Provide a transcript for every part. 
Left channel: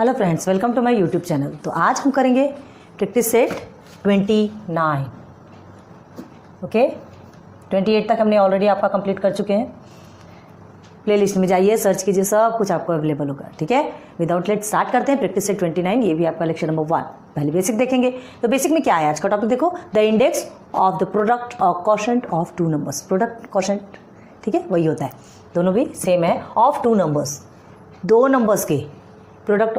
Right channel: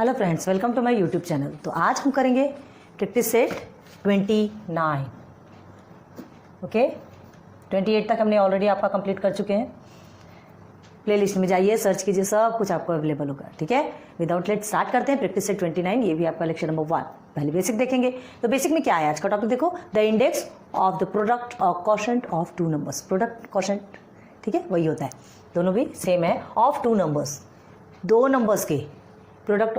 Hello friends, welcome to my YouTube channel. तो आज हम करेंगे प्रैक्टिस सेट 29। ओके, 28 तक हमने ऑलरेडी आपका कंप्लीट कर चुके हैं। प्लेलिस्ट में जाइए, सर्च कीजिए, सब कुछ आपको अवेलेबल होगा। ठीक है, विदाउट लेट स्टार्ट करते हैं प्रैक्टिस सेट 29। ये भी आपका लेक्चर नंबर 1। पहले बेसिक देखेंगे। तो बेसिक में क्या है आज का टॉपिक देखो, the index of the product और quotient of two numbers. Product quotient, ठीक है, वही होता है, दोनों भी सेम है। ऑफ टू नंबर्स, दो नंबर्स के प्रोडक्ट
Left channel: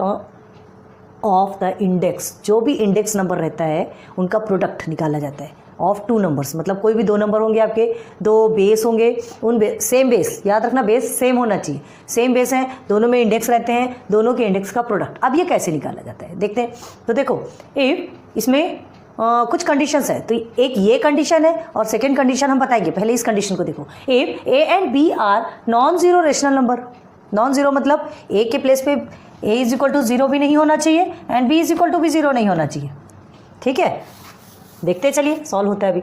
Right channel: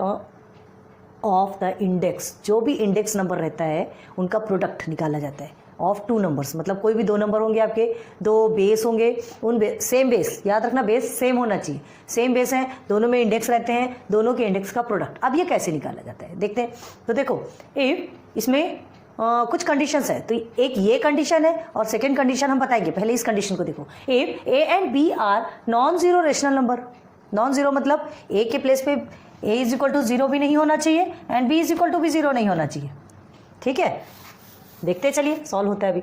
ऑफ द इंडेक्स, जो भी इंडेक्स नंबर रहता है उनका प्रोडक्ट निकाला जाता है। ऑफ टू नंबर्स मतलब कोई भी दो नंबर होंगे, आपके दो बेस होंगे, उन सेम बेस, याद रखना बेस सेम होना चाहिए। सेम बेस है, दोनों में इंडेक्स रहते हैं, दोनों के इंडेक्स का प्रोडक्ट। अब ये कैसे निकाला जाता है देखते हैं। तो देखो, इफ इसमें कुछ कंडीशंस है, तो एक ये कंडीशन है और सेकेंड कंडीशन हम बताएंगे। पहले इस कंडीशन को देखो, if A and B are non zero rational number. Non zero मतलब ए के प्लेस पे a इज इक्वल टू 0 भी नहीं होना चाहिए and b is equal to भी 0 नहीं होना चाहिए। ठीक है, देखते चलिए, सॉल्व होता है अभी,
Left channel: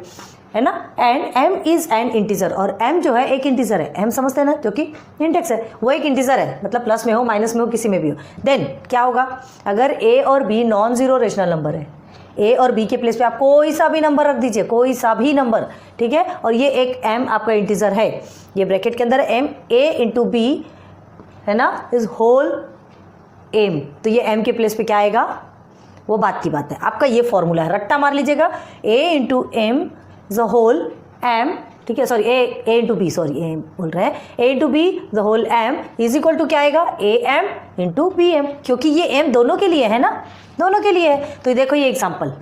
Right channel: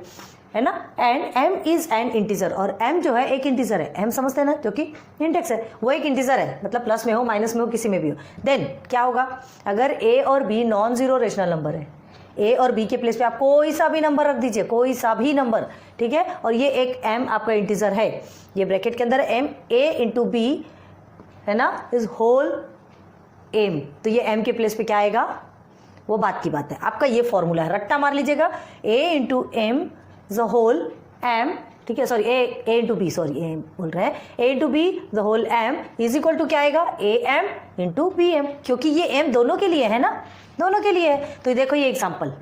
है ना। And m is an integer, और m जो है एक इंटीजर है। m समझते हैं ना, जो कि इंडेक्स है, वो एक इंटीजर है, मतलब प्लस में हो, माइनस में हो, किसी में भी हो। देन क्या होगा, अगर a और b non zero rational number है, a और b के प्लेस पे आप कोई सा भी नंबर रख दीजिए, कोई सा भी नंबर, ठीक है, और ये एक m आपका इंटीजर है, ये ब्रैकेट के अंदर m a इंटू b है ना, इज होल एम। तो ये एम के प्लेस पे क्या आएगा, वो बात की बात है। आपका ये फॉर्मूला है, रट्टा मार लीजिएगा, A into M the whole M, ठीक है, sorry A into B, sorry A बोल रहे हैं, A into B the whole M is equal to क्या आएगा, A M into B M, क्योंकि ये एम दोनों के लिए है ना, दोनों के लिए है। तो देखो ये एग्जाम्पल,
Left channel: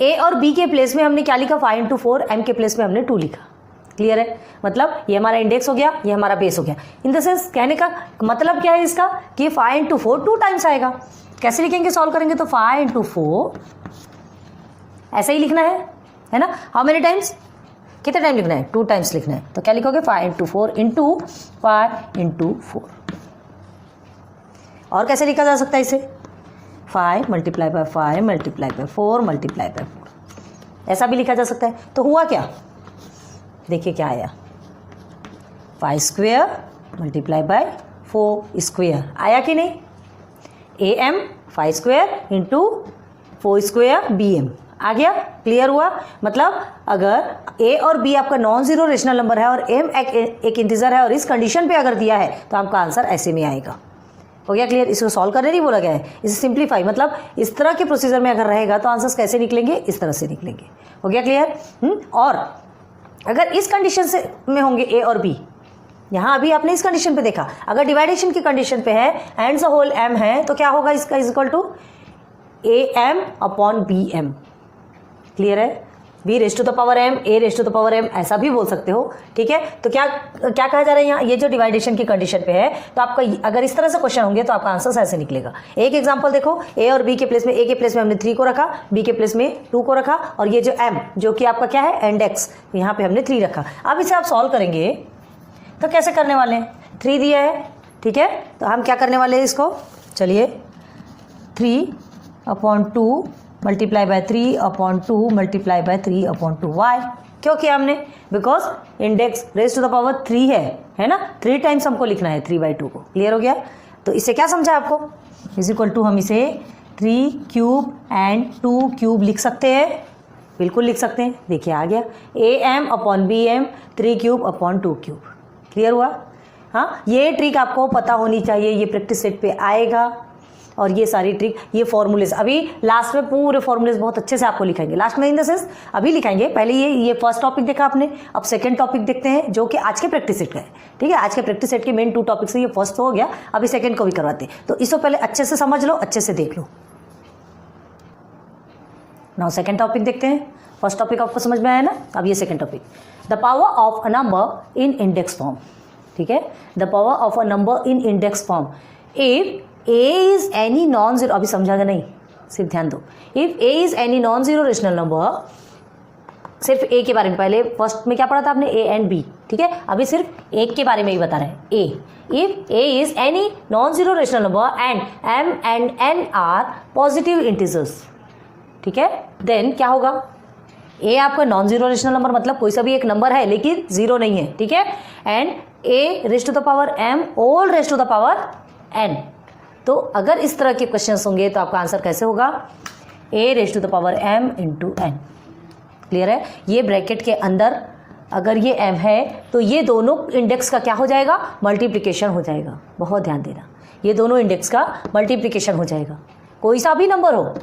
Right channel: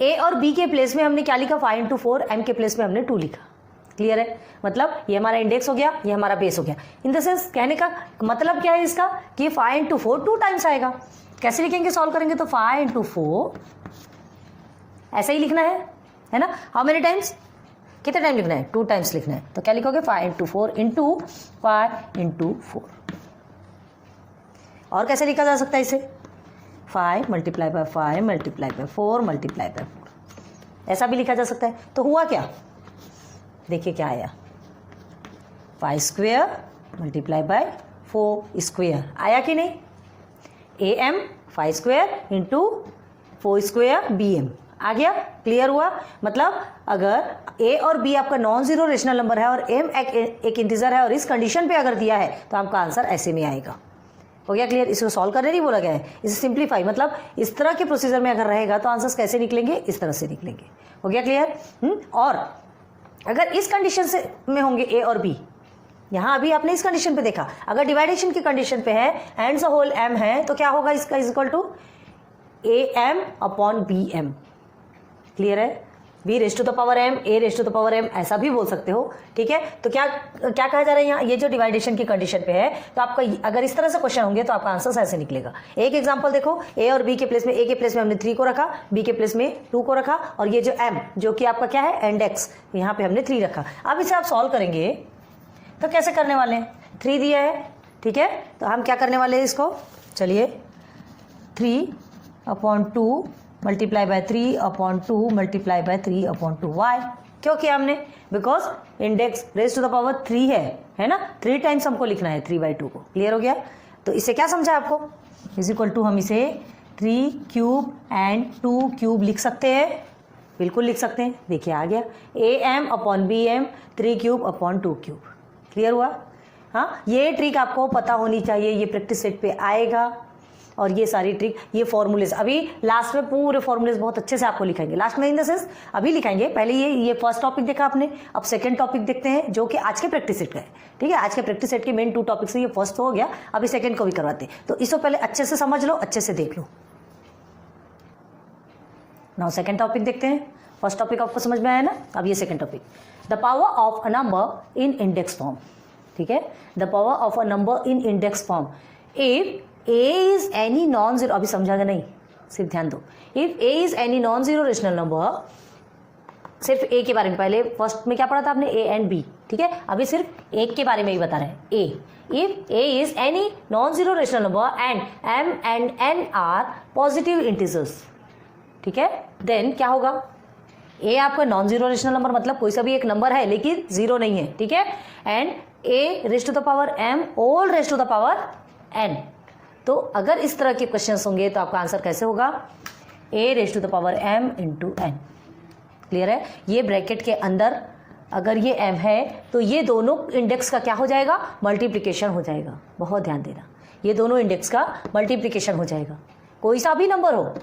ए और बी के प्लेस में हमने क्या लिखा, 5 इंटू 4, एम के प्लेस में हमने 2 लिखा। क्लियर है, मतलब ये हमारा इंडेक्स हो गया, ये हमारा बेस हो गया। इन द सेंस कहने का मतलब क्या है इसका, कि 5 इंटू 4 2 टाइम्स आएगा। कैसे लिखेंगे, सॉल्व करेंगे तो 5 इंटू 4 ऐसा ही लिखना है ना। हाउ मेनी टाइम्स, कितने टाइम लिखना है, 2 टाइम्स लिखना है। तो क्या लिखोगे, 5 इंटू 4 इंटू 5 इंटू 4। और कैसे लिखा जा सकता है इसे, 5 multiply by 5 multiply by 4 multiply by 4, ऐसा भी लिखा जा सकता है। तो हुआ क्या, देखिए क्या आया, 5 स्क्वेयर मल्टीप्लाई बाय 4 स्क्वेयर, आया कि नहीं। A M 5 square into 4 square B M आ गया। क्लियर हुआ, मतलब अगर ए और बी आपका नॉन जीरो रेशनल नंबर है और एम एक इंटीजर है और इस कंडीशन पे अगर दिया है तो आपका आंसर ऐसे में आएगा। हो गया क्लियर, इसको सॉल्व करने नहीं बोला गया है, इसे सिंप्लीफाई, मतलब इस तरह के प्रोसीजर में अगर रहेगा तो आंसर्स कैसे निकलेंगे, इस तरह से निकलेंगे। हो गया क्लियर। और अगर इस कंडीशन से में होंगे ए और बी, यहाँ अभी आपने इस कंडीशन पे देखा, अगर डिवाइडेशन की कंडीशन पे है एंड द होल एम है, तो क्या होगा इसका, is equal to A M upon B M. Clear है, B raise to the power M, A raise to the power M, ऐसा भी बोल सकते हो। ठीक है, तो क्या कहा जा रहा है यहाँ, ये जो डिवाइडेशन की कंडीशन पे है, तो आपका अगर इस तरह से क्वेश्चन होंगे तो आपका आंसर ऐसे निकलेगा। एक एग्जांपल देखो, ए और बी के प्लेस में, ए के प्लेस में हमने 3 को रखा, बी के प्लेस में 2 को रखा, और ये जो एम जो कि आपका क्या है, इंडेक्स, यहाँ पे हमने 3 रखा। अब इसे आप सॉल्व करेंगे तो कैसे करने वाले हैं, 3 दिया है, ठीक है, तो हम क्या करने वाले हैं इसको, चलिए 3/2 multiply by 3/2 multiply by 3/2 Y. क्यों किया हमने, because index raise to the power 3 है ना, 3 टाइम्स हमको लिखना है 3/2 को। क्लियर हो गया, तो इससे क्या समझा आपको, इज इक्वल टू हम इसे 3 क्यूब एंड 2 क्यूब लिख सकते हैं, बिल्कुल लिख सकते हैं। देखिए आ गया, A M upon B M 3 cube upon 2 cube. Clear हुआ, हाँ, ये ट्रिक आपको पता होनी चाहिए, ये प्रैक्टिस सेट पे आएगा। और ये सारी ट्रिक, ये फॉर्मूलेस अभी लास्ट में पूरे फॉर्मूलेस बहुत अच्छे से आपको लिखाएंगे, लास्ट में इन द सेंस अभी लिखाएंगे। पहले ये फर्स्ट टॉपिक देखा आपने, अब सेकंड टॉपिक देखते हैं जो कि आज के प्रैक्टिस सेट का है। ठीक है, आज के प्रैक्टिस सेट के मेन 2 टॉपिक से ये फर्स्ट हो गया, अभी सेकंड को भी करवाते हैं। तो इसको पहले अच्छे से समझ लो, अच्छे से देख लो। नाउ सेकंड टॉपिक देखते हैं। फर्स्ट टॉपिक आपको समझ में आया ना, अब ये second topic, the power of a number in index form. ठीक है, the power of a number in index form, if A is any non zero, अभी समझागा नहीं, सिर्फ ध्यान दो, if A is any non zero rational number, सिर्फ ए के बारे में, पहले फर्स्ट में क्या पढ़ा था आपने, ए एंड बी, ठीक है, अभी सिर्फ एक के बारे में ही बता रहे हैं, A. If A is any non zero rational number and M and N are positive integers, ठीक है, देन क्या होगा, ए आपका नॉन जीरो रेशनल नंबर मतलब कोई सा भी एक नंबर है लेकिन जीरो नहीं है, ठीक है, and A raise to the power M, all raise to the power N, तो अगर इस तरह के क्वेश्चन होंगे तो आपका आंसर कैसे होगा, a⁻m × n। क्लियर है। ये ब्रैकेट के अंदर अगर ये m है तो ये दोनों इंडेक्स का क्या हो जाएगा, मल्टीप्लिकेशन हो जाएगा। बहुत ध्यान देना, ये दोनों इंडेक्स का मल्टीप्लिकेशन हो जाएगा, कोई सा भी नंबर हो।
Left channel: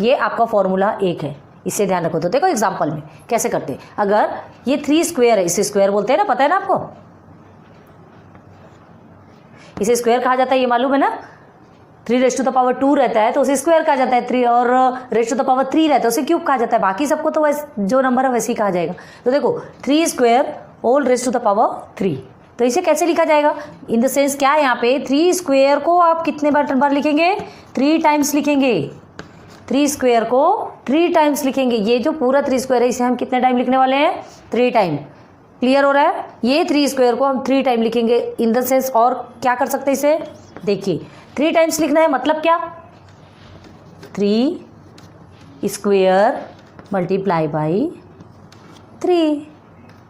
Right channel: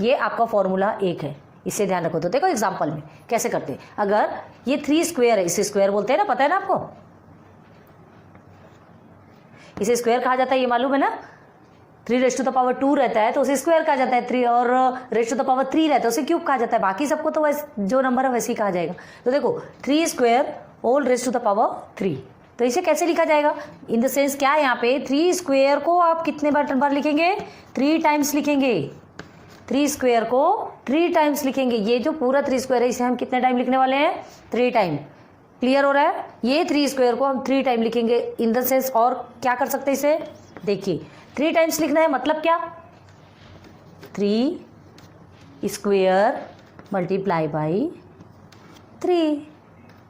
ये आपका फॉर्मूला 1 है, इससे ध्यान रखो। तो देखो एग्जांपल में कैसे करते हैं। अगर ये 3 स्क्वायर है, इसे स्क्वायर बोलते हैं ना, पता है ना आपको, इसे स्क्वायर कहा जाता है, ये मालूम है ना। 3⁻² रहता है तो उसे स्क्वायर कहा जाता है, 3 और r⁻³ रहता है उसे क्यूब कहा जाता है। बाकी सबको तो वैसे जो नंबर है वैसे ही कहा जाएगा। तो देखो 3 स्क्वायर होल r⁻3, तो इसे कैसे लिखा जाएगा, इन द सेंस क्या है, यहाँ पे 3 स्क्वायर को आप कितने बार लिखेंगे, 3 टाइम्स लिखेंगे। 3 स्क्वायर को 3 टाइम्स लिखेंगे। ये जो पूरा 3 स्क्वायर है इसे हम कितने टाइम लिखने वाले हैं, 3 टाइम। क्लियर हो रहा है। ये 3 स्क्वायर को हम 3 टाइम लिखेंगे इन द सेंस। और क्या कर सकते हैं इसे, देखिए 3 टाइम्स लिखना है मतलब क्या, 3 स्क्वायर मल्टीप्लाई बाई 3।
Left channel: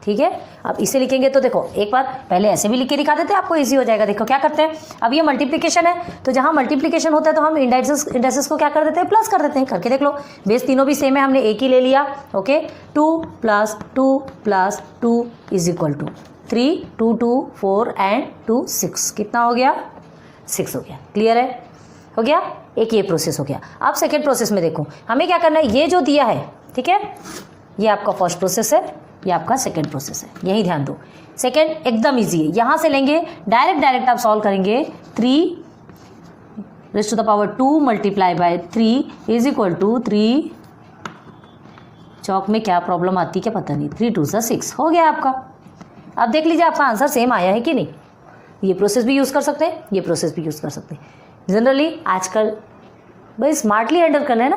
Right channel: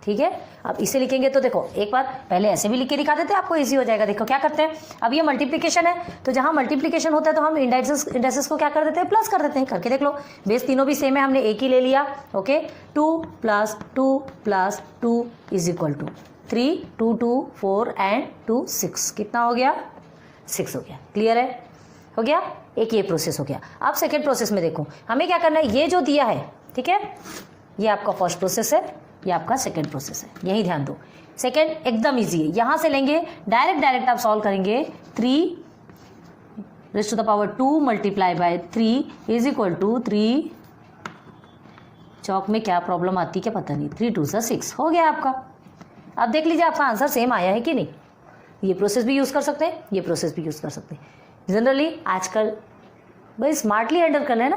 ठीक है, अब इसे लिखेंगे तो देखो एक बार पहले ऐसे भी लिख के दिखा देते हैं, आपको इजी हो जाएगा। देखो क्या करते हैं, अब ये मल्टीप्लिकेशन है तो जहां मल्टीप्लिकेशन होता है तो हम इंडेक्सेस को क्या कर देते हैं, प्लस कर देते हैं। करके देख लो, बेस तीनों भी सेम है, हमने एक ही ले लिया। ओके, 2 + 2 + 2 = 3, 2 2 4 एंड 2 6, कितना हो गया, 6 हो गया। क्लियर है, हो गया। एक ये प्रोसेस हो गया। अब सेकेंड प्रोसेस में देखो हमें क्या करना है, ये जो दिया है, ठीक है, ये आपका फर्स्ट प्रोसेस है, ये आपका सेकेंड प्रोसेस है, यही ध्यान दो। सेकेंड एकदम इजी है, यहाँ से लेंगे डायरेक्ट आप सॉल्व करेंगे। 3 raised to the power 2 multiplied by 3 = 3। चौक में क्या प्रॉब्लम आती है क्या पता नहीं, 3 2 6 हो गया आपका। अब देख लीजिए आपका आंसर सेम आया है कि नहीं। ये प्रोसेस भी यूज़ कर सकते हैं, ये प्रोसेस भी यूज़ कर सकते हैं। जनरली आजकल भाई स्मार्टली हैंडल करना है ना,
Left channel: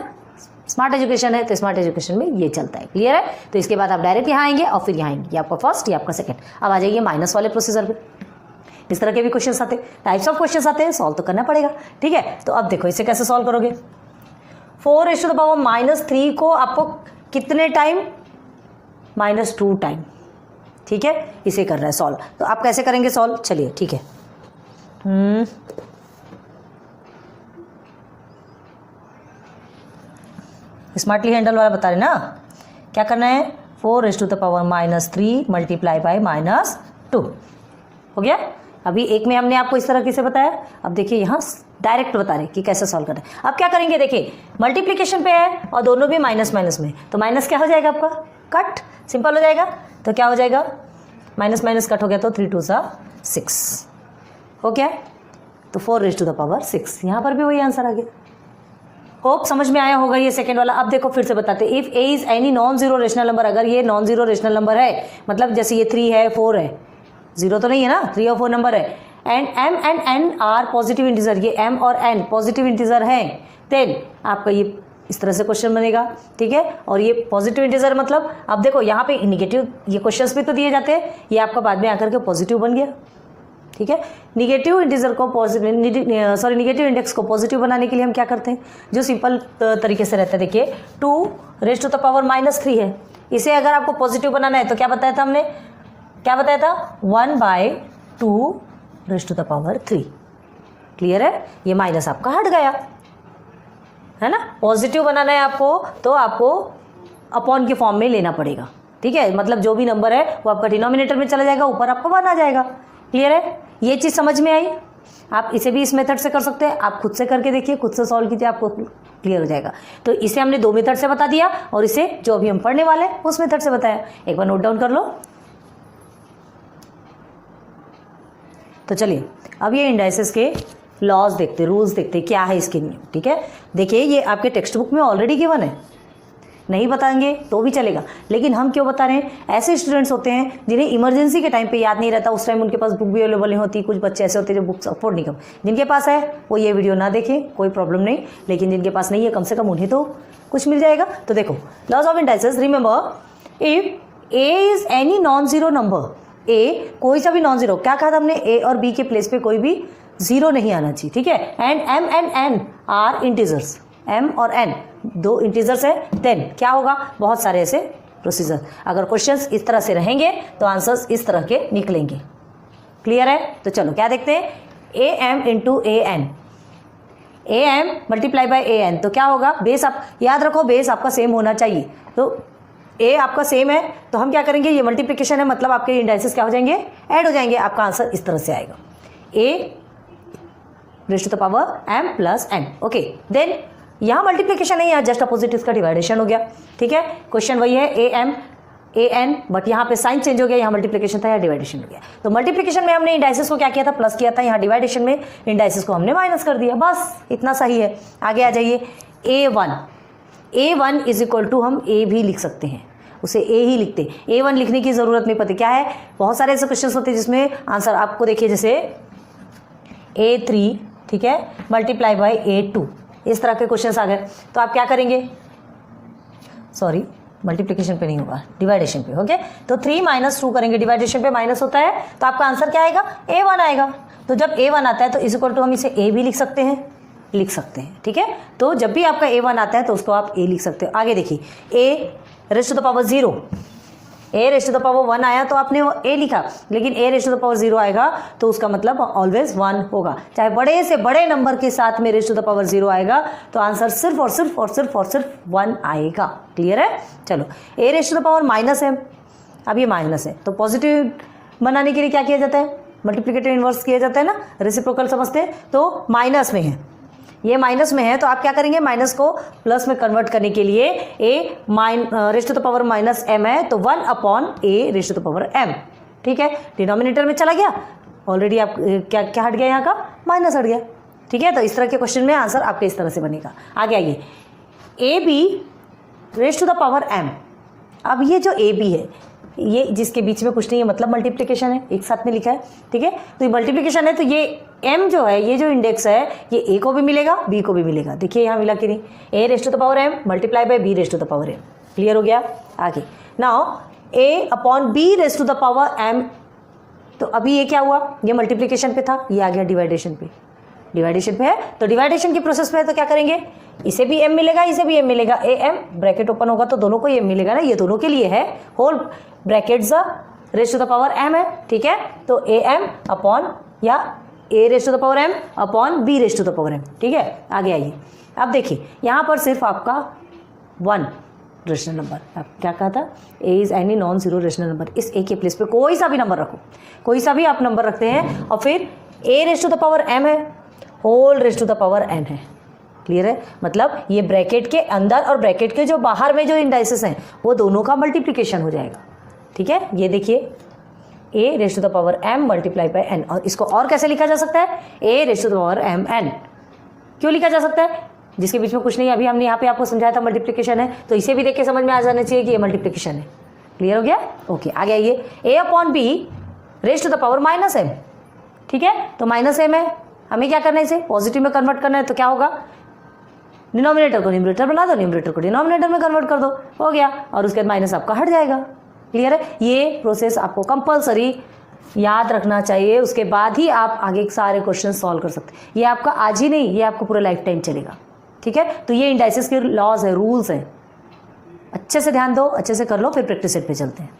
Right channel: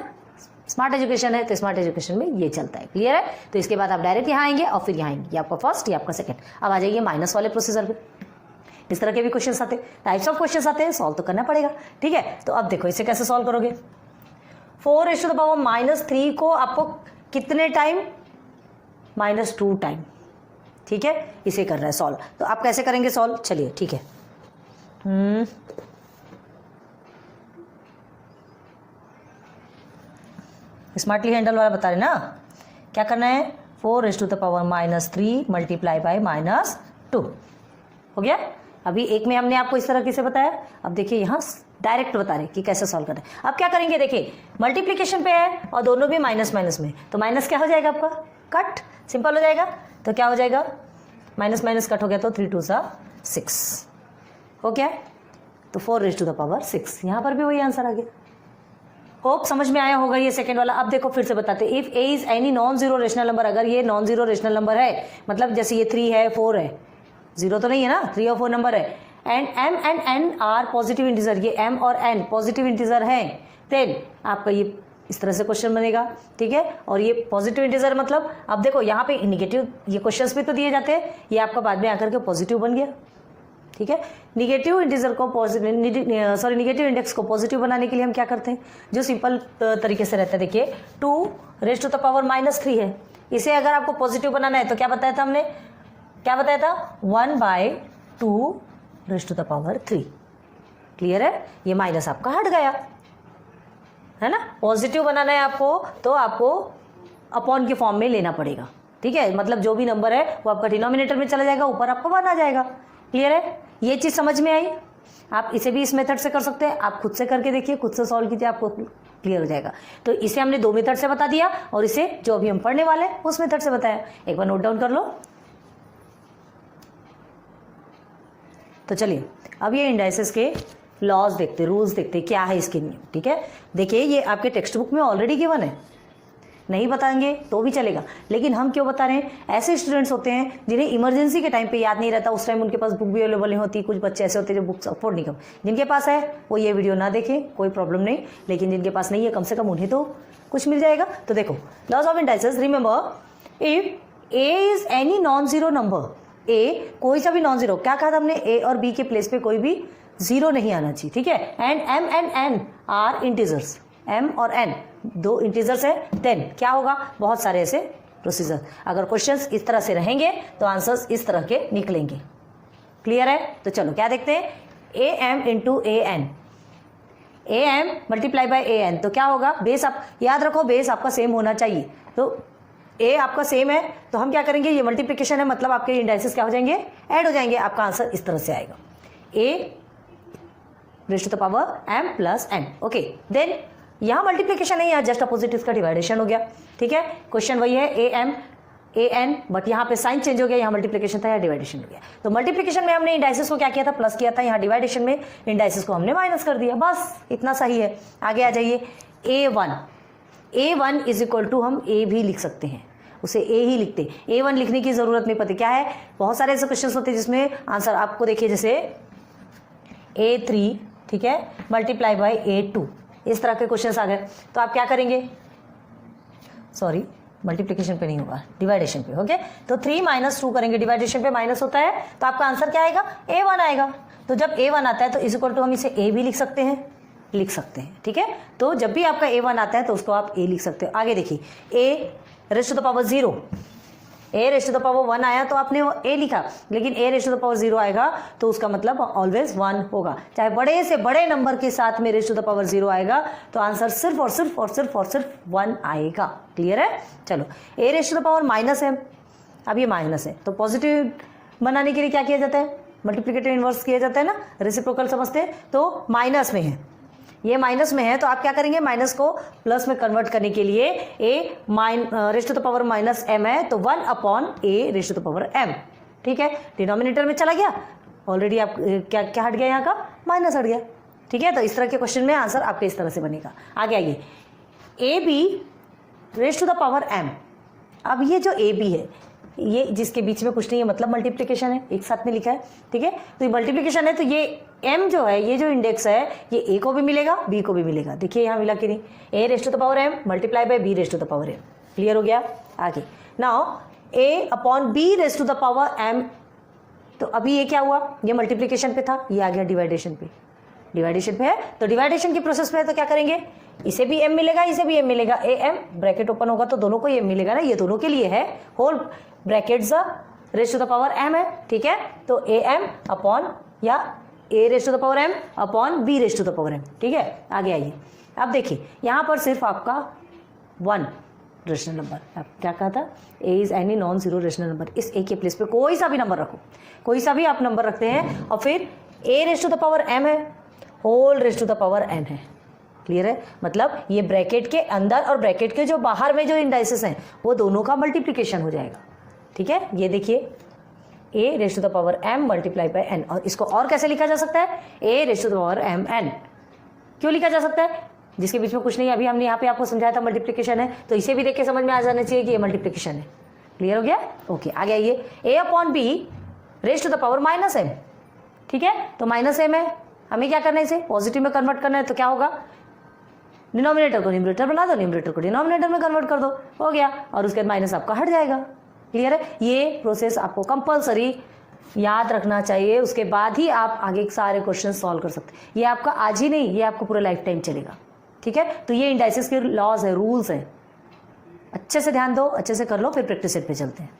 स्मार्ट एजुकेशन है तो स्मार्ट एजुकेशन में ये चलता है। क्लियर है। तो इसके बाद आप डायरेक्ट यहाँ आएंगे और फिर यहाँ आएंगे, ये आपका फर्स्ट, ये आपका सेकंड। अब आ जाइए माइनस वाले प्रोसीजर पे। इस तरह के भी क्वेश्चन आते हैं, टाइप्स ऑफ क्वेश्चन आते हैं, सॉल्व तो करना पड़ेगा। ठीक है, तो अब देखो इसे कैसे सॉल्व करोगे। 4⁻³ को आपको कितने टाइम, -2 टाइम। ठीक है, इसे कर रहा है सॉल्व। तो आप कैसे करेंगे सॉल्व, चलिए ठीक है। स्मार्टली हैंडल वाला बता रहे ना, क्या करना है, 4⁻³ मल्टीप्लाई बाय -2 हो गया। अभी एक में हमने आपको इस तरह से बताया, अब देखिए यहाँ डायरेक्ट बता रहे कि कैसे सॉल्व करना है। अब क्या करेंगे, देखिए मल्टीप्लिकेशन पे है और दोनों भी माइनस में, तो माइनस क्या हो जाएगा आपका, कट, सिंपल हो जाएगा। तो क्या हो जाएगा, माइनस कट हो गया तो 3 2 6 हो गया। तो 4⁻6, यहाँ पर भी वही आंसर आ गया। होप समझ में आया होगा ये सेकंड वाला। अब देखो फिर से बताते हैं, if A is any non zero rational number, अगर ये नॉन जीरो रेशनल नंबर है, मतलब जैसे ये 3 है 4 है, जीरो तो नहीं है ना, 3 और 4 नंबर है, and m and n are positive integer, ये m और n पॉजिटिव इंटीजर है, देन आपका ये इस तरह से क्वेश्चन बनेगा। ठीक है, और ये पॉजिटिव इंटीजर मतलब, अब देखो यहाँ पे निगेटिव, ये क्वेश्चंस भी तो दिए जाते हैं, ये आपका बाद में आकर के पॉजिटिव बन गया। ठीक है, निगेटिव इंटीजर को निगेटिव इंडेक्स को पॉजिटिव बनाने के लिए हम क्या करते हैं, जो सिंपल तरीके से रहता है, देखिए 2⁻³ है, इसे अगर आपको पॉजिटिव बनाना है तो क्या बताया था हमने, क्या बताया था, 1/2⁻³ क्लियर है, ये माइनस आपका हट गया है ना। पॉजिटिव बनाना है आपको तो आपको अपॉन के फॉर्म में लेना पड़ेगा। ठीक है, मतलब जो भी नंबर है वो आपका डिनोमिनेटर में चला जाएगा, ऊपर आपको 1 आ जाएगा। क्लियर है, ये चीज़ समझ में आई। आप इसे भी इस मेथड से कर सकते हैं, आप खुद से करके देखिए, खुद से सॉल्व कीजिए, आपको क्लियर हो जाएगा। तो इसे हमने 2 मेथड से बता दिया और इसे जो अभी हम पढ़ने वाले हैं उस मेथड से बताया। एक बार नोट डाउन कर लो। तो चलिए अब ये इंडाइसेस के लॉज देखते, रूल्स देखते, क्या है इसके नियम। ठीक है, देखिए ये आपके टेक्स्ट बुक में ऑलरेडी गिवन है, नहीं बताएंगे तो भी चलेगा, लेकिन हम क्यों बता रहे हैं, ऐसे स्टूडेंट्स होते हैं जिन्हें इमरजेंसी के टाइम पे याद नहीं रहता, उस टाइम उनके पास बुक भी अवेलेबल नहीं होती। कुछ बच्चे ऐसे होते हैं जो बुक्स अफोर्ड नहीं कर, जिनके पास है वो ये वीडियो ना देखें, कोई प्रॉब्लम नहीं, लेकिन जिनके पास नहीं है कम से कम उन्हें तो कुछ मिल जाएगा। तो देखो laws of indices, remember if A is any non zero number, A कोई सा भी नॉन जीरो, क्या कहा था हमने, ए और बी के प्लेस पे कोई भी जीरो नहीं आना चाहिए। ठीक है, and m and n are integers, m और n 2 इंटीजर्स है, देन क्या होगा, बहुत सारे ऐसे प्रोसीजर। अगर क्वेश्चंस इस तरह से रहेंगे तो आंसर्स इस तरह के निकलेंगे। क्लियर है, तो चलो क्या देखते हैं, am into an, A M multiply by A N, तो क्या होगा, बेस आप याद रखो, बेस आपका सेम होना चाहिए। तो ए आपका सेम है तो हम क्या करेंगे, ये मल्टीप्लिकेशन है मतलब आपके इंडाइसेस क्या हो जाएंगे, ऐड हो जाएंगे। आपका आंसर इस तरह से आएगा, A raise to the power M plus N. Okay, then यहाँ मल्टीप्लिकेशन है, यहाँ जस्ट अपोजिट इसका डिवाइडेशन हो गया। ठीक है, क्वेश्चन वही है A M A N, but यहाँ पे साइन चेंज हो गया, यहाँ मल्टीप्लिकेशन था, यहाँ डिवाइडेशन हो गया। तो मल्टीप्लिकेशन में हमने इंडाइसेस को क्या किया था, प्लस किया था, यहाँ डिवाइडेशन में इंडाइसेस को हमने माइनस कर दिया, बस इतना सही है। आगे आ जाइए, ए वन इज इक्वल टू, हम ए भी लिख सकते हैं, उसे ए ही लिखते, ए वन लिखने की जरूरत नहीं पड़ती। क्या है, बहुत सारे ऐसे क्वेश्चन होते हैं जिसमें आंसर आपको देखिए, जैसे A3, ठीक है, मल्टीप्लाई बाय A2, इस तरह के क्वेश्चंस आ गए। तो आप क्या करेंगे, सॉरी मल्टीप्लिकेशन पे नहीं होगा, डिवाइडेशन पे। ओके, तो 3 - 2 करेंगे, डिवाइडेशन पे माइनस होता है, तो आपका आंसर क्या आएगा, A1 आएगा। तो जब A1 आता है तो इज इक्वल टू हम इसे A भी लिख सकते हैं, ठीक है। तो जब भी आपका A1 आता है तो उसको आप A लिख सकते हो। आगे देखिए, A raise to the power 0, A raise to the power 1 आया तो आपने वो ए लिखा, लेकिन A raise to the power 0 आएगा तो उसका मतलब ऑलवेज 1 होगा। चाहे बड़े से बड़े नंबर के साथ में रेज़ टू द पावर 0 आएगा तो आंसर सिर्फ और सिर्फ 1 आएगा। क्लियर है। चलो, A raise to the power minus है, अब ये माइनस है तो पॉजिटिव बनाने के लिए क्या किया जाता है, मल्टीप्लिकेटिव इन्वर्स किया जाता है ना, रेसिप्रोकल समझते हैं। तो माइनस में है, ये माइनस में है तो आप क्या करेंगे, माइनस को प्लस में कन्वर्ट करने के लिए A raise to the power minus M है तो 1 upon A raise to the power M. ठीक है, डिनोमिनेटर में चला गया ऑलरेडी, आप क्या हट गया, यहाँ का माइनस हट गया। ठीक है, तो इस तरह के क्वेश्चन में आंसर आपके इस तरह से बनेगा। आगे आइए, A B raise to the power M. अब ये जो ए बी है, ये जिसके बीच में कुछ नहीं है, मतलब मल्टीप्लिकेशन है, एक साथ में लिखा है। ठीक है, तो ये मल्टीप्लिकेशन है तो ये m जो है, ये जो इंडेक्स है, ये a को भी मिलेगा b को भी मिलेगा। देखिए यहाँ मिला कि नहीं, a raise to the power m multiply by b raise to the power m। Clear हो गया। आगे now a upon b raise to the power m, तो अभी ये क्या हुआ, ये मल्टीप्लिकेशन पे था, ये आ गया डिवाइडेशन पे है। तो डिवाइडेशन की प्रोसेस पे है तो क्या करेंगे, इसे भी m मिलेगा, इसे भी m मिलेगा, a m ब्रैकेट ओपन होगा तो दोनों को m मिलेगा ना, ये दोनों के लिए है, whole bracket raise to the power m है। ठीक है, तो a m अपॉन या a raise to the power m upon b raise to the power m। ठीक है, आगे आइए, अब देखिए यहाँ पर सिर्फ आपका 1 रेशनल नंबर, आप क्या कहा था, a is any non zero rational number. इस a के प्लेस पे कोई सा भी नंबर रखो, कोई सा भी आप नंबर रखते हैं, और फिर a raise to the power m है, whole raise to the power n है। क्लियर है, मतलब ये ब्रैकेट के अंदर और ब्रैकेट के जो बाहर में जो इंडाइसेस हैं वो दोनों का मल्टीप्लिकेशन हो जाएगा। ठीक है, ये देखिए a raise to the power m multiply by n, और इसको और कैसे लिखा जा सकता है, a raise to the power m n। क्यों लिखा जा सकता है, जिसके बीच में कुछ नहीं है, अभी हमने यहाँ पे आपको समझाया था मल्टीप्लिकेशन है, तो इसे भी देख के समझ में आ जाना चाहिए कि ये मल्टीप्लिकेशन है। क्लियर हो गया। ओके, आगे आइए, a upon b raise to the power minus m। ठीक है, तो माइनस m है, हमें क्या करना है, इसे पॉजिटिव में कन्वर्ट करना है, तो क्या होगा, डिनोमिनेटर को न्यूमरेटर बना दो, न्यूमरेटर को डिनोमिनेटर में कन्वर्ट कर दो, हो गया, और उसके बाद माइनस आपका हट जाएगा। क्लियर है, ये प्रोसेस आपको कंपलसरी याद रखना चाहिए, उसके बाद ही आप आगे सारे क्वेश्चन सॉल्व कर सकते हैं। ये आपका आज ही नहीं, ये आपको पूरा लाइफ टाइम चलेगा। ठीक है, तो ये इंडाइसेस के लॉज है, रूल्स हैं, अच्छे से ध्यान दो, अच्छे से कर लो, फिर प्रैक्टिस सेट पे चलते हैं।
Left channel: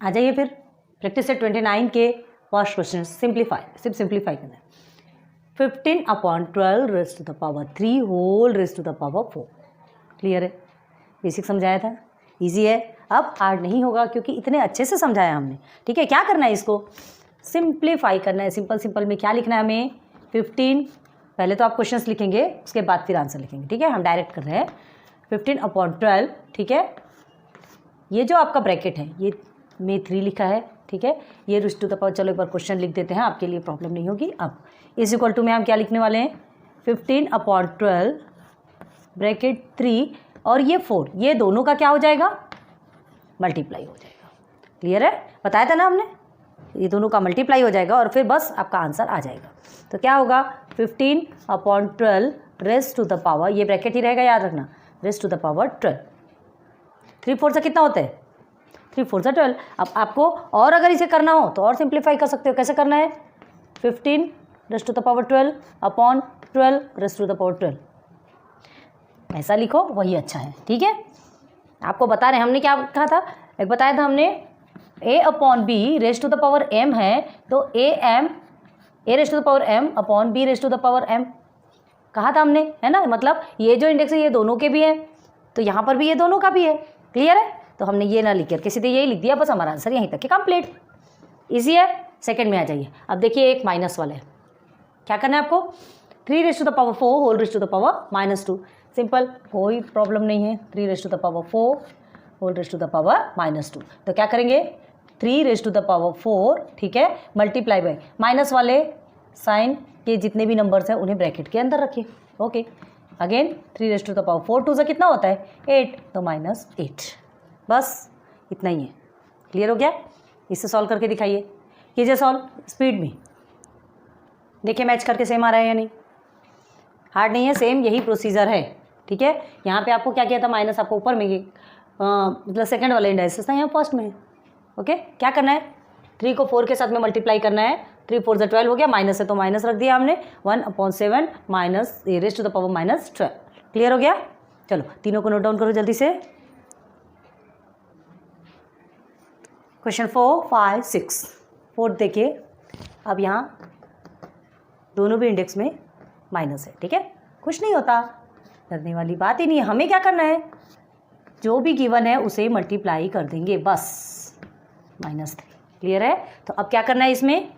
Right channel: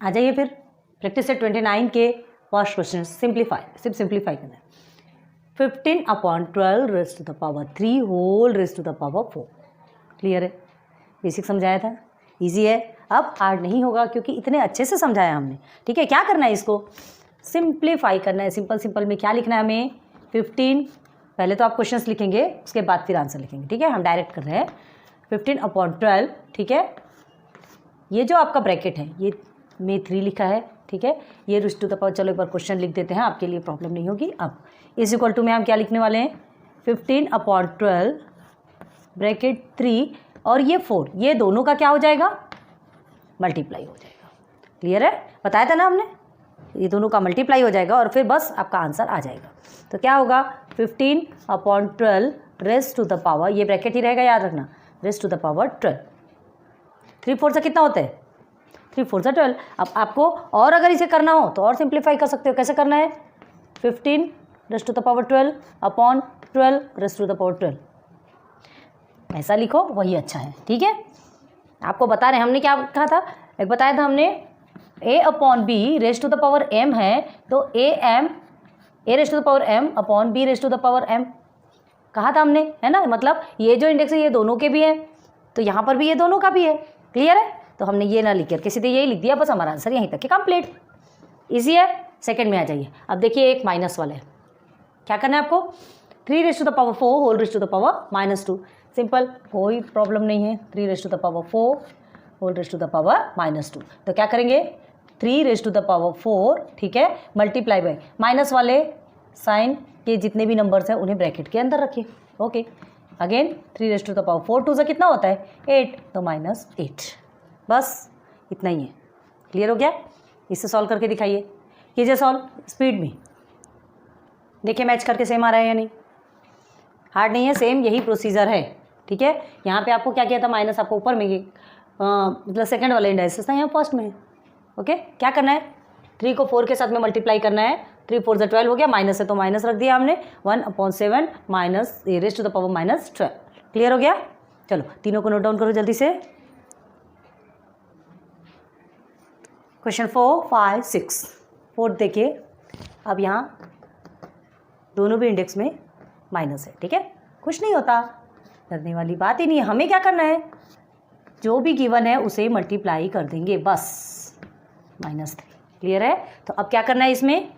आ जाइए फिर प्रैक्टिस सेट 29 के फर्स्ट क्वेश्चन, सिर्फ सिंप्लीफाई करना है। 15 upon 12 raise to the power 3 whole raise to the power 4। Clear है, बेसिक समझाया था, इजी है, अब हार्ड नहीं होगा क्योंकि इतने अच्छे से समझाया हमने। ठीक है, क्या करना है, इसको सिंप्लीफाई करना है। सिंपल में क्या लिखना है हमें, 15, पहले तो आप क्वेश्चंस लिखेंगे, उसके बाद फिर आंसर लिखेंगे। ठीक है, हम डायरेक्ट कर रहे हैं, 15 अपॉन 12। ठीक है, ये जो आपका ब्रैकेट है, ये में 3 लिखा है। ठीक है, ये रेज़ टू द पावर, चलो एक बार क्वेश्चन लिख देते हैं, आपके लिए प्रॉब्लम नहीं होगी। अब इज इक्वल टू में हम क्या लिखने वाले हैं, 15 अपॉन 12 ब्रैकेट 3 और ये 4, ये दोनों का क्या हो जाएगा, मल्टीप्लाई हो जाएगा। क्लियर है, बताया था ना हमने, ये दोनों का मल्टीप्लाई हो जाएगा और फिर बस आपका आंसर आ जाएगा। तो क्या होगा, 15 upon 12 raise to the power, ये ब्रैकेट ही रहेगा, याद रखना, रेज़ टू द पावर 12। 3 4 से कितना होता है, 3 4 से 12। अब आपको और अगर इसे करना हो तो और सिंप्लीफाई कर सकते हो। कैसे करना है, 15 raise to the power 12 upon 12 raise to the power 12, ऐसा लिखो, वही अच्छा है। ठीक है, आपको बता रहे हैं, हमने क्या कहा था, एक बताया था हमने, a upon b raise to the power m है, तो a m a raise to the power m upon b raise to the power m कहा था हमने, है ना। मतलब ये जो इंडेक्स है ये दोनों के भी है, तो यहाँ पर भी ये दोनों का भी है। क्लियर है, तो हमने ये ना लिख करके सीधे यही लिख दिया, बस हमारा आंसर यहीं तक के कंप्लीट। ईजी है। सेकंड में आ जाइए। अब देखिए एक माइनस वाला है, क्या करना है आपको, 3 raise to the power 4 whole raise to the power -2। Simple, कोई प्रॉब्लम नहीं है। 3 raise to the power 4 whole raise to the power -2, तो क्या करेंगे 3 रेज टू द पावर 4, ठीक है, मल्टीप्लाई बाय माइनस वाले साइन के जितने भी नंबर्स हैं उन्हें ब्रैकेट के अंदर रखिए। Okay, again 3 raise to the power 4 2 से कितना होता है 8, तो -8। बस इतना ही है। क्लियर हो गया। इससे सॉल्व करके दिखाइए, कीजिए सॉल्व स्पीड में, देखिए मैच करके सेम आ रहा है या नहीं। हार्ड नहीं है, सेम यही प्रोसीजर है। ठीक है, यहाँ पे आपको क्या किया था, माइनस आपको ऊपर में मतलब सेकंड वाले इंडाइसिस था, यहाँ फर्स्ट में है। ओके, क्या करना है 3 को 4 के साथ में मल्टीप्लाई करना है। 3 4 से 12 हो गया, माइनस है तो माइनस रख दिया हमने। 1/7 minus A raise to the power -12। Clear हो गया। चलो तीनों को नोट डाउन करो जल्दी से। क्वेश्चन 4 5 6 4 देखिए, अब यहाँ दोनों भी इंडेक्स में माइनस है। ठीक है, कुछ नहीं होता, डरने वाली बात ही नहीं है। हमें क्या करना है, जो भी गिवन है उसे मल्टीप्लाई कर देंगे बस, -3। क्लियर है। तो अब क्या करना है, इसमें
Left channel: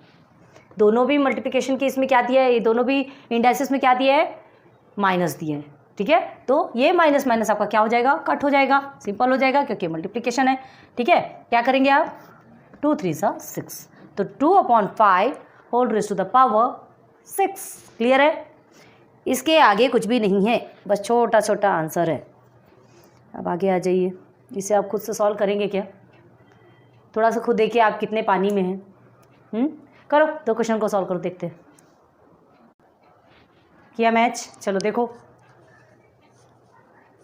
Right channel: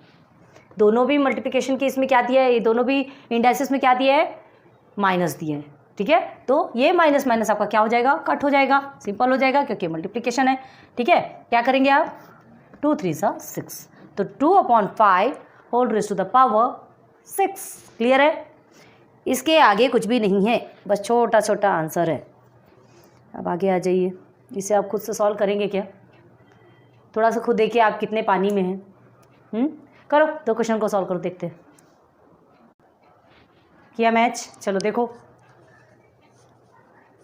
दोनों भी मल्टीप्लिकेशन के इसमें क्या दिया है, ये दोनों भी इंडाइसिस में क्या दिया है, माइनस दिया है। ठीक है, तो ये माइनस माइनस आपका क्या हो जाएगा, कट हो जाएगा, सिंपल हो जाएगा क्योंकि मल्टीप्लिकेशन है। ठीक है, क्या करेंगे आप 2 3 6, तो 2/5 whole raise to the power 6। Clear है, इसके आगे कुछ भी नहीं है, बस छोटा छोटा आंसर है। अब आगे आ जाइए, इसे आप खुद से सॉल्व करेंगे क्या, थोड़ा सा खुद देखिए आप कितने पानी में हैं। करो, दो क्वेश्चन को सॉल्व करो, देखते हैं किया मैच। चलो देखो,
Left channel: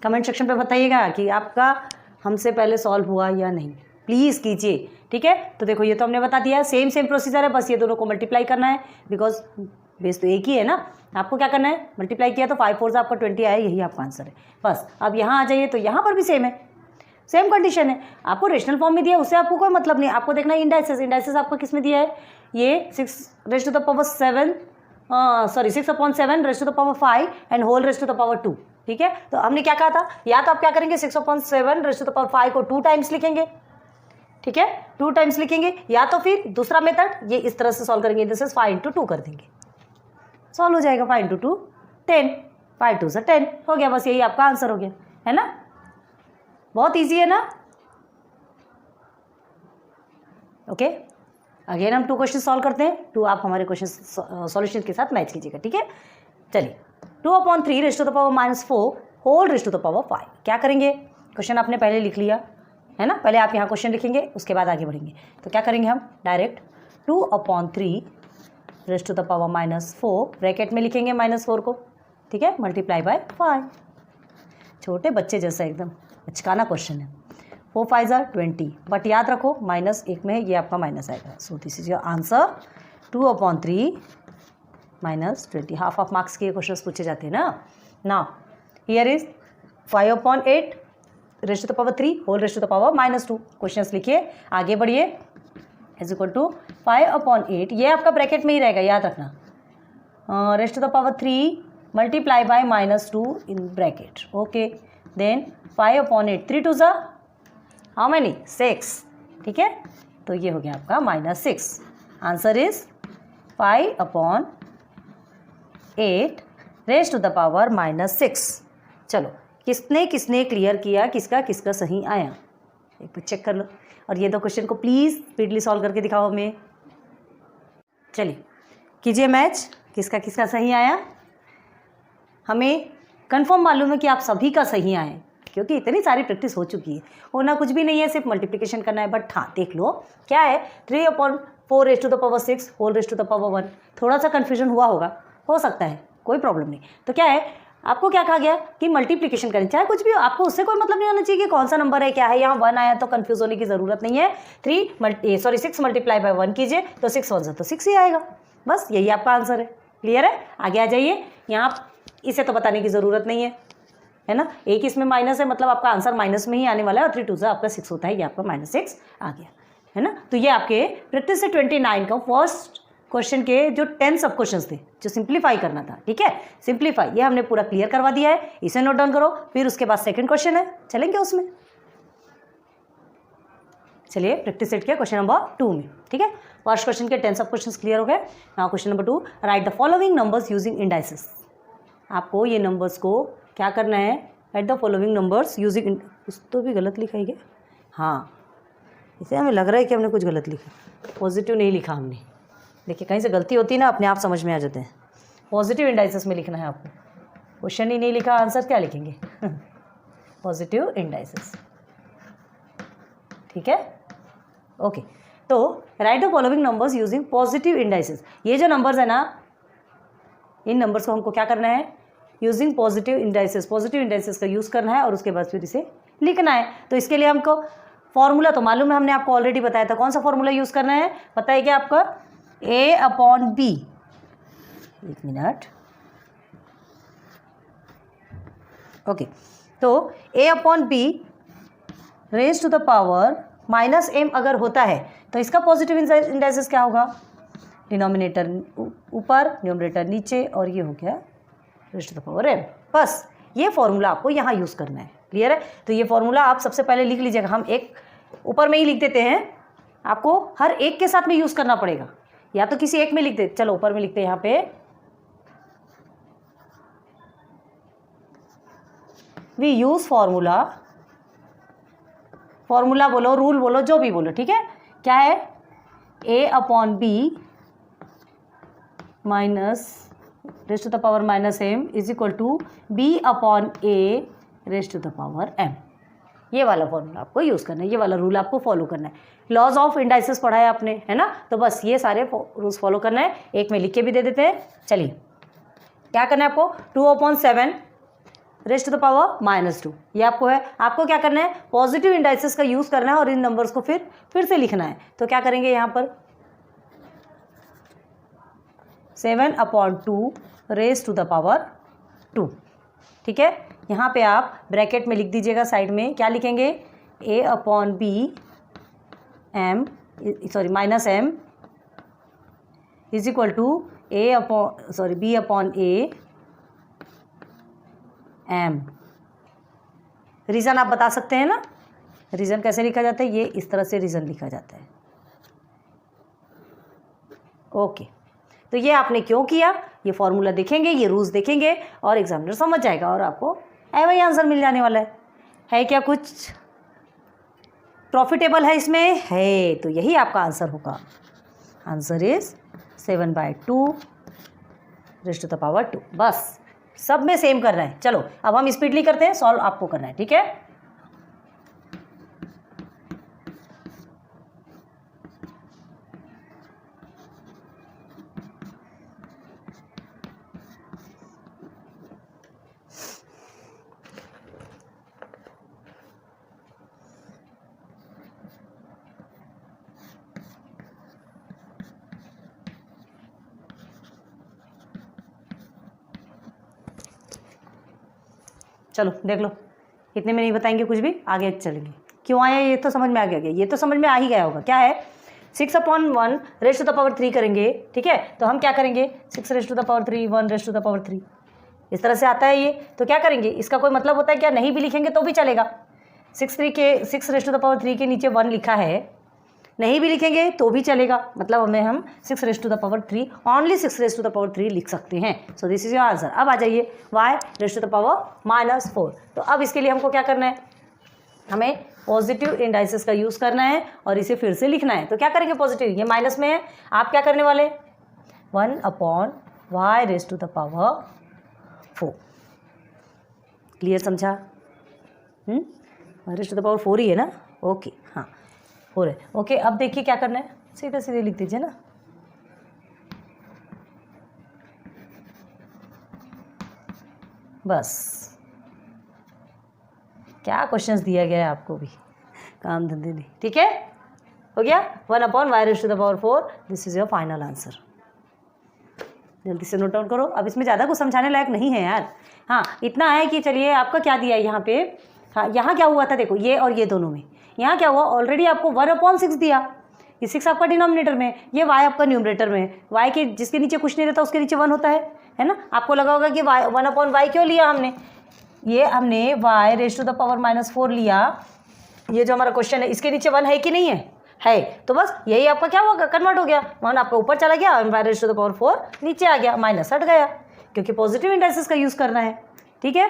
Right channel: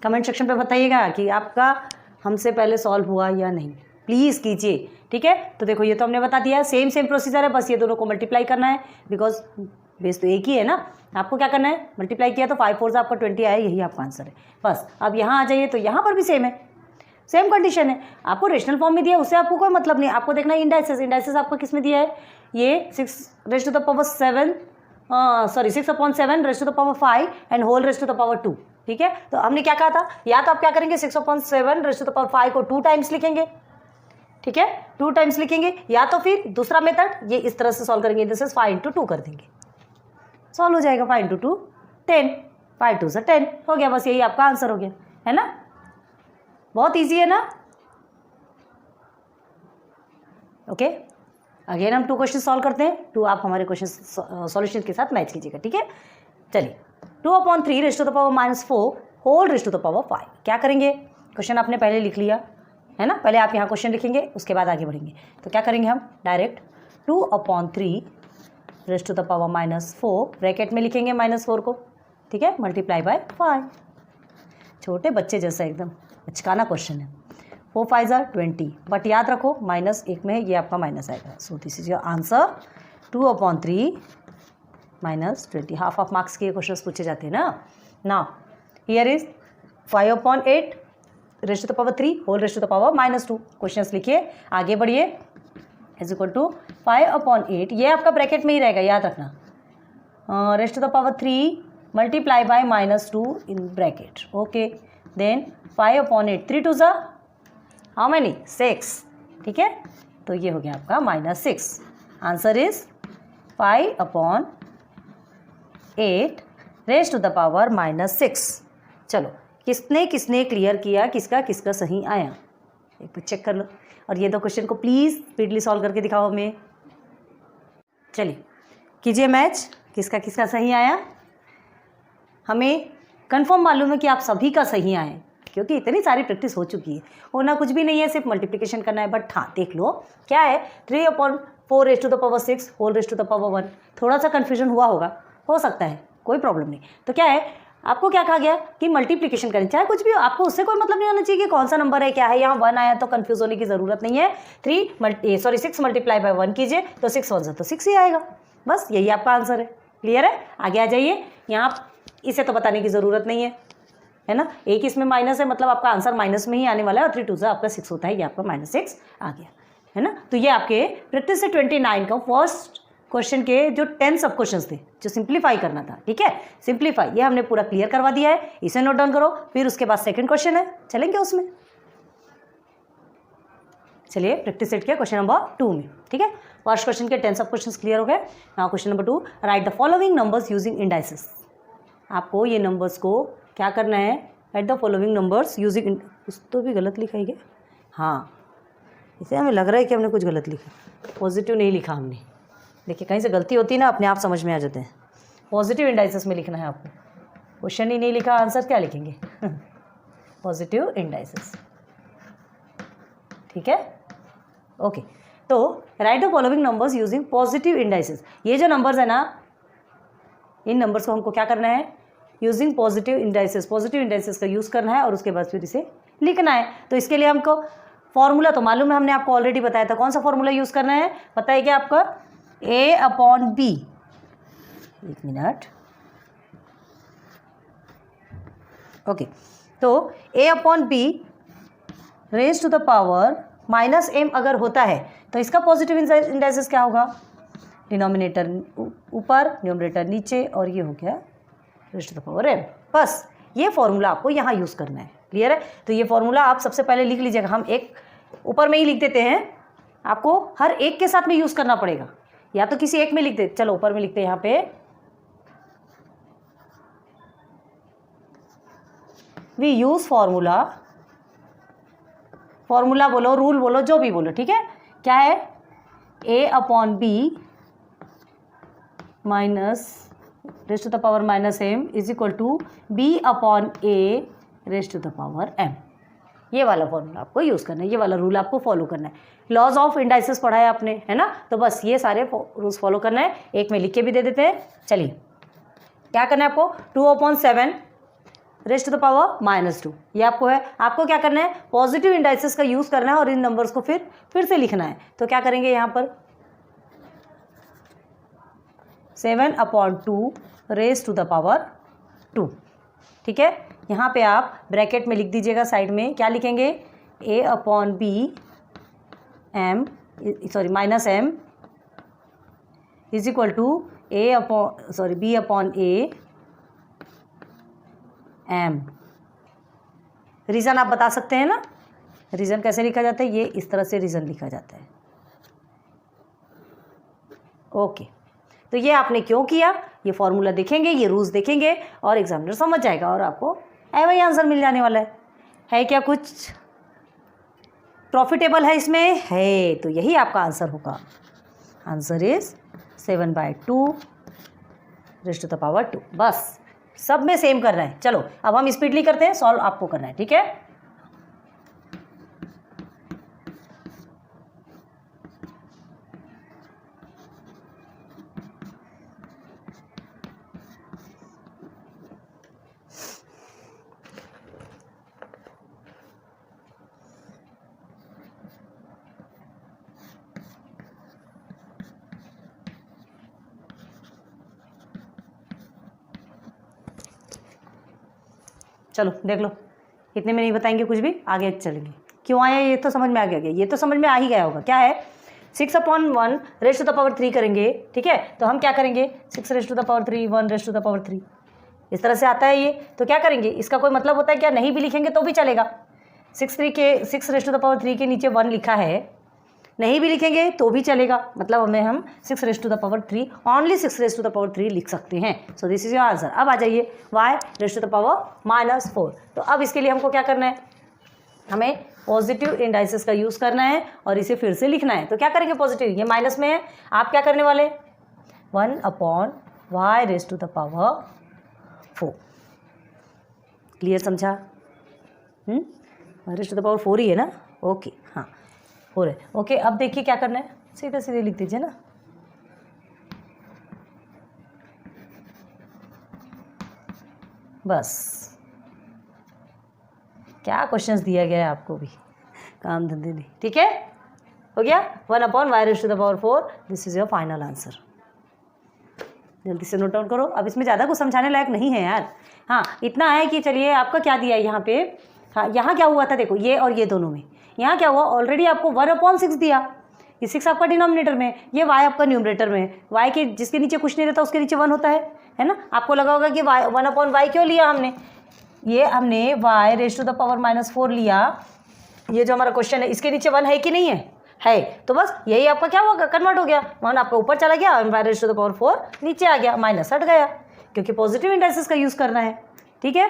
कमेंट सेक्शन पे बताइएगा कि आपका हमसे पहले सॉल्व हुआ या नहीं, प्लीज़ कीजिए। ठीक है, तो देखो ये तो हमने बता दिया, सेम प्रोसीजर है, बस ये दोनों को मल्टीप्लाई करना है, बिकॉज बेस तो एक ही है ना। आपको क्या करना है, मल्टीप्लाई किया तो 5 4 से आपका 20 आया, यही आपका आंसर है। बस अब यहाँ आ जाइए, तो यहाँ पर भी सेम है, सेम कंडीशन है। आपको रेशनल फॉर्म में दिया है, उससे आपको कोई मतलब नहीं, आपको देखना है इंडाइसिस। इंडाइसिस आपको किस में दिया है, ये 6 raise to the power 7 6/7 raise to the power 5 and whole raise to the power 2। ठीक है, तो हमने क्या कहा था, या तो आप क्या करेंगे 6/7 रेज टू द पावर 5 को 2 टाइम्स लिखेंगे। ठीक है, 2 टाइम्स लिखेंगे, या तो फिर दूसरा मेथड ये इस तरह से सॉल्व करेंगे, दिस इज 5 × 2 कर देंगे, सॉल्व हो जाएगा। 5 × 2 10, 5 2 से 10 हो गया, बस यही आपका आंसर हो गया, है ना। बहुत इजी है ना। ओके, अगेन हम 2 क्वेश्चन सॉल्व करते हैं। 2 आप हमारे क्वेश्चन सॉल्यूशन के साथ मैच कीजिएगा। ठीक है, चलिए 2/3 raise to the power -4 whole raise to the power 5। क्या करेंगे, क्वेश्चन आपने पहले लिख लिया है ना, पहले आप यहाँ क्वेश्चन लिखेंगे, उसके बाद आगे बढ़ेंगे। तो क्या करेंगे हम, direct 2/3 raise to the power -4 bracket में लिखेंगे -4 को। ठीक है, मल्टीप्लाई बाय 5। छोटे बच्चे जैसा एकदम बचकाना क्वेश्चन है। 4 5 20, बट याद रखो -1 में ये आपका माइनस आएगा। So this is your answer 2/3 -20। Half marks के क्वेश्चन पूछे जाते हैं ना। Now here is 5/8 raise to the power 3 whole raise to the power -2। Questions लिखिए, आगे बढ़िए। इज इक्वल टू 5/8, ये आपका ब्रैकेट में ही रहेगा, याद रखना। Raise to the power 3 multiply by -2 in bracket. Okay, then 5/8 3 2 how many 6। ठीक है, तो ये हो गया आपका -6। Answer is 5/8 raise to the power -6। चलो किसने किसने क्लियर किया, किसका किसका सही आया, एक बार चेक कर लो। और ये 2 क्वेश्चन को प्लीज़ स्पीडली सॉल्व करके दिखाओ हमें। चलिए कीजिए मैच, किसका किसका सही आया। हमें कंफर्म मालूम है कि आप सभी का सही आए, क्योंकि इतनी सारी प्रैक्टिस हो चुकी है। होना कुछ भी नहीं है, सिर्फ मल्टीप्लिकेशन करना है। बट हाँ देख लो क्या है, 3/4 raise to the power 6 whole raise to the power 1। थोड़ा सा कन्फ्यूजन हुआ होगा, हो सकता है, कोई प्रॉब्लम नहीं। तो क्या है, आपको क्या कहा गया कि मल्टीप्लिकेशन करें, चाहे कुछ भी हो, आपको उससे कोई मतलब नहीं होना चाहिए कि कौन सा नंबर है क्या है। यहाँ 1 आया तो कंफ्यूज होने की ज़रूरत नहीं है। 6 मल्टीप्लाई बाय 1 कीजिए तो 6 1 तो 6 ही आएगा, बस यही आपका आंसर है। क्लियर है, आगे आ जाइए। यहाँ इसे तो बताने की ज़रूरत नहीं है ना, एक इसमें माइनस है, मतलब आपका आंसर माइनस में ही आने वाला है। और 3 2 आपका 6 होता है, ये आपका -6 आ गया, है ना। तो ये आपके प्रैक्टिस से 29 का फर्स्ट क्वेश्चन के जो 10 सब क्वेश्चंस थे जो सिंप्लीफाई करना था, ठीक है, सिंप्लीफाई ये हमने पूरा क्लियर करवा दिया है, इसे नोट डाउन करो। फिर उसके बाद सेकंड क्वेश्चन है, चलेंगे उसमें। चलिए प्रैक्टिस सेट के क्वेश्चन नंबर 2 में, ठीक है। फर्स्ट क्वेश्चन के 10 सब क्वेश्चंस क्लियर हो गए। Now question number 2, right the following numbers using indices. आपको ये नंबर्स को क्या करना है, right the following numbers using, कुछ तो भी गलत लिखा है क्या? हाँ, इसे हमें लग रहा है कि हमने कुछ गलत लिखा, पॉजिटिव नहीं लिखा हमने। देखिए कहीं से गलती होती है ना, अपने आप समझ में आ जाते हैं। पॉजिटिव इंडाइसेस में लिखना है आपको, क्वेश्चन ही नहीं लिखा, आंसर क्या लिखेंगे? पॉजिटिव इंडाइसेस, ठीक है, ओके। तो right the following numbers using positive indices. ये जो नंबर्स है ना, इन नंबर्स को हमको क्या करना है, using positive indices, positive indices का यूज़ करना है और उसके बाद फिर इसे लिखना है। तो इसके लिए हमको फॉर्मूला तो मालूम है, हमने आपको ऑलरेडी बताया था। कौन सा फॉर्मूला यूज़ करना है पता है क्या आपका? A/B, एक मिनट, ओके। तो A/B raise to the power -m अगर होता है तो इसका पॉजिटिव इंडाइसेस क्या होगा? डिनोमिनेटर ऊपर, न्यूमरेटर नीचे, और ये हो गया raise to the power m। बस ये फॉर्मूला आपको यहाँ यूज़ करना है, क्लियर है। तो ये फॉर्मूला आप सबसे पहले लिख लीजिएगा, हम एक ऊपर में ही लिख देते हैं, आपको हर एक के साथ में यूज़ करना पड़ेगा, या तो किसी एक में लिख दे। चलो ऊपर में लिखते हैं, यहाँ पे वी यूज फॉर्मूला, फॉर्मूला बोलो, रूल बोलो, जो भी बोलो, ठीक है। क्या है? A/B minus raise to the power -m is equal to B/A raise to the power m। ये वाला फॉर्मूला आपको यूज़ करना है, ये वाला रूल आपको फॉलो करना है। लॉज ऑफ इंडाइसेस पढ़ा है आपने, है ना, तो बस ये सारे रूल्स फॉलो करना है। एक में लिख के भी दे देते हैं। चलिए क्या करना है आपको, 2/7 रेज टू द पावर -2, ये आपको है। आपको क्या करना है, पॉजिटिव इंडाइसेस का यूज़ करना है और इन नंबर्स को फिर से लिखना है। तो क्या करेंगे यहाँ पर, 7/2 रेज टू द पावर 2, ठीक है। यहाँ पे आप ब्रैकेट में लिख दीजिएगा, साइड में क्या लिखेंगे, A/B m is equal to B/A m। Reason आप बता सकते हैं ना, रीज़न कैसे लिखा जाता है, ये इस तरह से रीज़न लिखा जाता है, ओके। तो ये आपने क्यों किया, ये फॉर्मूला देखेंगे, ये रूल्स देखेंगे और एग्जामिनर समझ जाएगा और आपको वही आंसर मिल जाने वाला है क्या कुछ प्रॉफिटेबल है इसमें? है, तो यही आपका आंसर होगा। Answer is 7/2 raise to the power 2। बस सब में सेम करना है। चलो अब हम स्पीडली करते हैं, सॉल्व आपको करना है, ठीक है। चलो देख लो, इतने में नहीं बताएंगे कुछ भी, आगे चलेंगे। क्यों आया ये तो समझ में आ गया, ये तो समझ में आ ही गया होगा। क्या है, 6/1 रेज टू द पावर 3 करेंगे, ठीक है। तो हम क्या करेंगे, 6 raise to the power 3, 1 raise to the power 3, इस तरह से आता है ये। तो क्या करेंगे, इसका कोई मतलब होता है क्या? नहीं भी लिखेंगे तो भी चलेगा। 6 रेज टू द पावर 3 के नीचे 1 लिखा है, नहीं भी लिखेंगे तो भी चलेगा, मतलब हमें हम 6 raise to the power 3, only 6 raise to the power 3 लिख सकते हैं। So this is your answer. अब आ जाइए y raise to the power -4। तो अब इसके लिए हमको क्या करना है, हमें पॉजिटिव इंडाइसेस का यूज़ करना है और इसे फिर से लिखना है। तो क्या करेंगे, पॉजिटिव ये माइनस में है, आप क्या करने वाले, 1/y raise to the power 4। Clear, समझा? रेज टू द पावर 4 ही है ना, ओके, हाँ 4 है, ओके। अब देखिए क्या करना है, सीधे सीधे लिख दीजिए ना, बस। क्या क्वेश्चंस दिया गया है आपको भी, काम धंधे नहीं, ठीक है, हो गया। 1/y raise to the power 4, this is your final answer. जल्दी से नोट डाउन करो। अब इसमें ज़्यादा कुछ समझाने लायक नहीं है यार, हाँ इतना है कि चलिए आपका क्या दिया है यहाँ पे, हाँ यहाँ क्या हुआ था देखो, ये और ये दोनों में यहाँ क्या हुआ, ऑलरेडी आपको 1/6 दिया, ये 6 आपका डिनोमिनेटर में है, ये y आपका न्यूमरेटर में है। y के जिसके नीचे कुछ नहीं रहता उसके नीचे 1 होता है ना। आपको लगा होगा कि 1/y क्यों लिया हमने, ये हमने y raise to the power -4 लिया। ये जो हमारा क्वेश्चन है इसके नीचे 1 है कि नहीं है, तो बस यही आपका क्या होगा, कन्वर्ट हो गया। 1 आपका ऊपर चला गया और y raise to the power 4 नीचे आ गया, माइनस हट गया, क्योंकि पॉजिटिव इंडाइसिस का यूज़ करना है। ठीक है,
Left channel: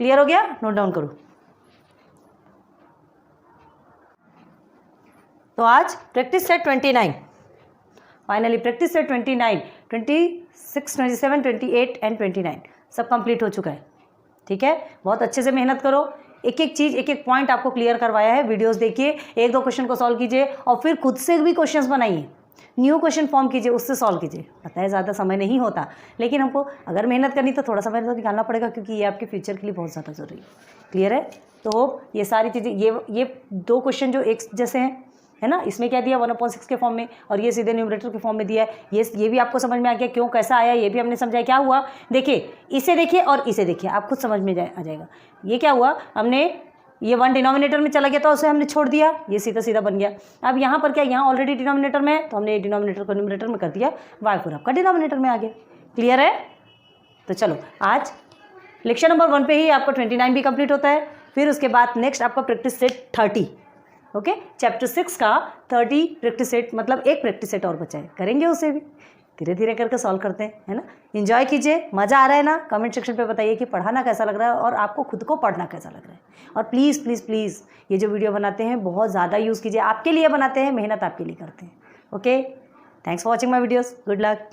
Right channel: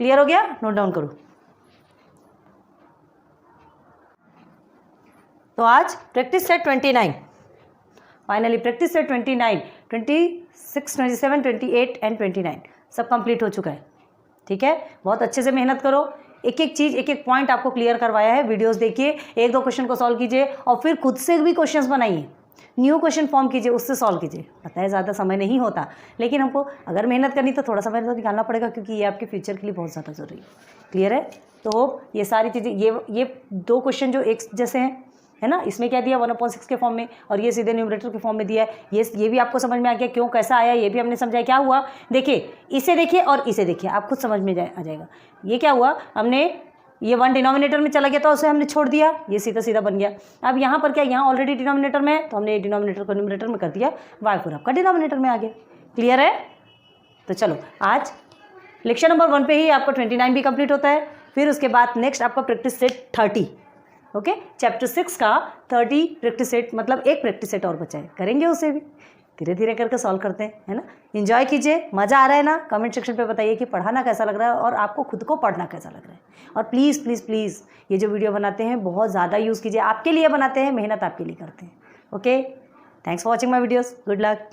क्लियर हो गया, नोट डाउन करो। तो आज practice set 29, finally practice set 29, 26, 27, 28 and 29 सब कंप्लीट हो चुका है। ठीक है, बहुत अच्छे से मेहनत करो, एक एक चीज़ एक एक पॉइंट आपको क्लियर करवाया है। वीडियोस देखिए, 1-2 क्वेश्चन को सॉल्व कीजिए और फिर खुद से भी क्वेश्चंस बनाइए, न्यू क्वेश्चन फॉर्म कीजिए, उससे सॉल्व कीजिए। पता है ज़्यादा समय नहीं होता, लेकिन हमको अगर मेहनत करनी तो थोड़ा समय तो निकालना पड़ेगा, क्योंकि ये आपके फ्यूचर के लिए बहुत ज़्यादा ज़रूरी है। क्लियर है, तो ये सारी चीज़ें, ये 2 क्वेश्चन जो एक जैसे हैं, है ना, इसमें क्या दिया 1/6 के फॉर्म में, और ये सीधे न्यूमरेटर के फॉर्म में दिया है। ये भी आपको समझ में आ गया, क्यों कैसा आया ये भी हमने समझाया। क्या हुआ देखिए, इसे देखिए और इसे देखिए, आप खुद समझ में आ जाएगा। ये क्या हुआ, हमने ये 1 डिनोमिनेटर में चला गया तो उसे हमने छोड़ दिया, ये सीधा सीधा बन गया। अब यहाँ पर क्या, यहाँ ऑलरेडी डिनोमिनेटर में है तो हमने डिनोमिनेटर को न्यूमरेटर में कर दिया, y4 आपका डिनोमिनेटर में आ गया। क्लियर है, तो चलो आज लेक्चर नंबर 1 पे ही आपका 29 भी कंप्लीट होता है। फिर उसके बाद नेक्स्ट आपका प्रैक्टिस सेट 30, ओके, चैप्टर 6 का 30 प्रैक्टिस सेट, मतलब एक प्रैक्टिस सेट और बचा है, करेंगे उसे भी धीरे धीरे करके सॉल्व करते हैं, है ना। एंजॉय कीजिए, मज़ा आ रहा है ना, कमेंट सेक्शन पे बताइए कि पढ़ाना कैसा लग रहा है और आपको खुद को पढ़ना कैसा लग रहा है। और प्लीज़ प्लीज़ प्लीज़ ये जो वीडियो बनाते हैं बहुत ज़्यादा यूज़ कीजिए, आपके लिए बनाते हैं, मेहनत आपके लिए करते हैं। Okay, thanks for watching my videos, good luck.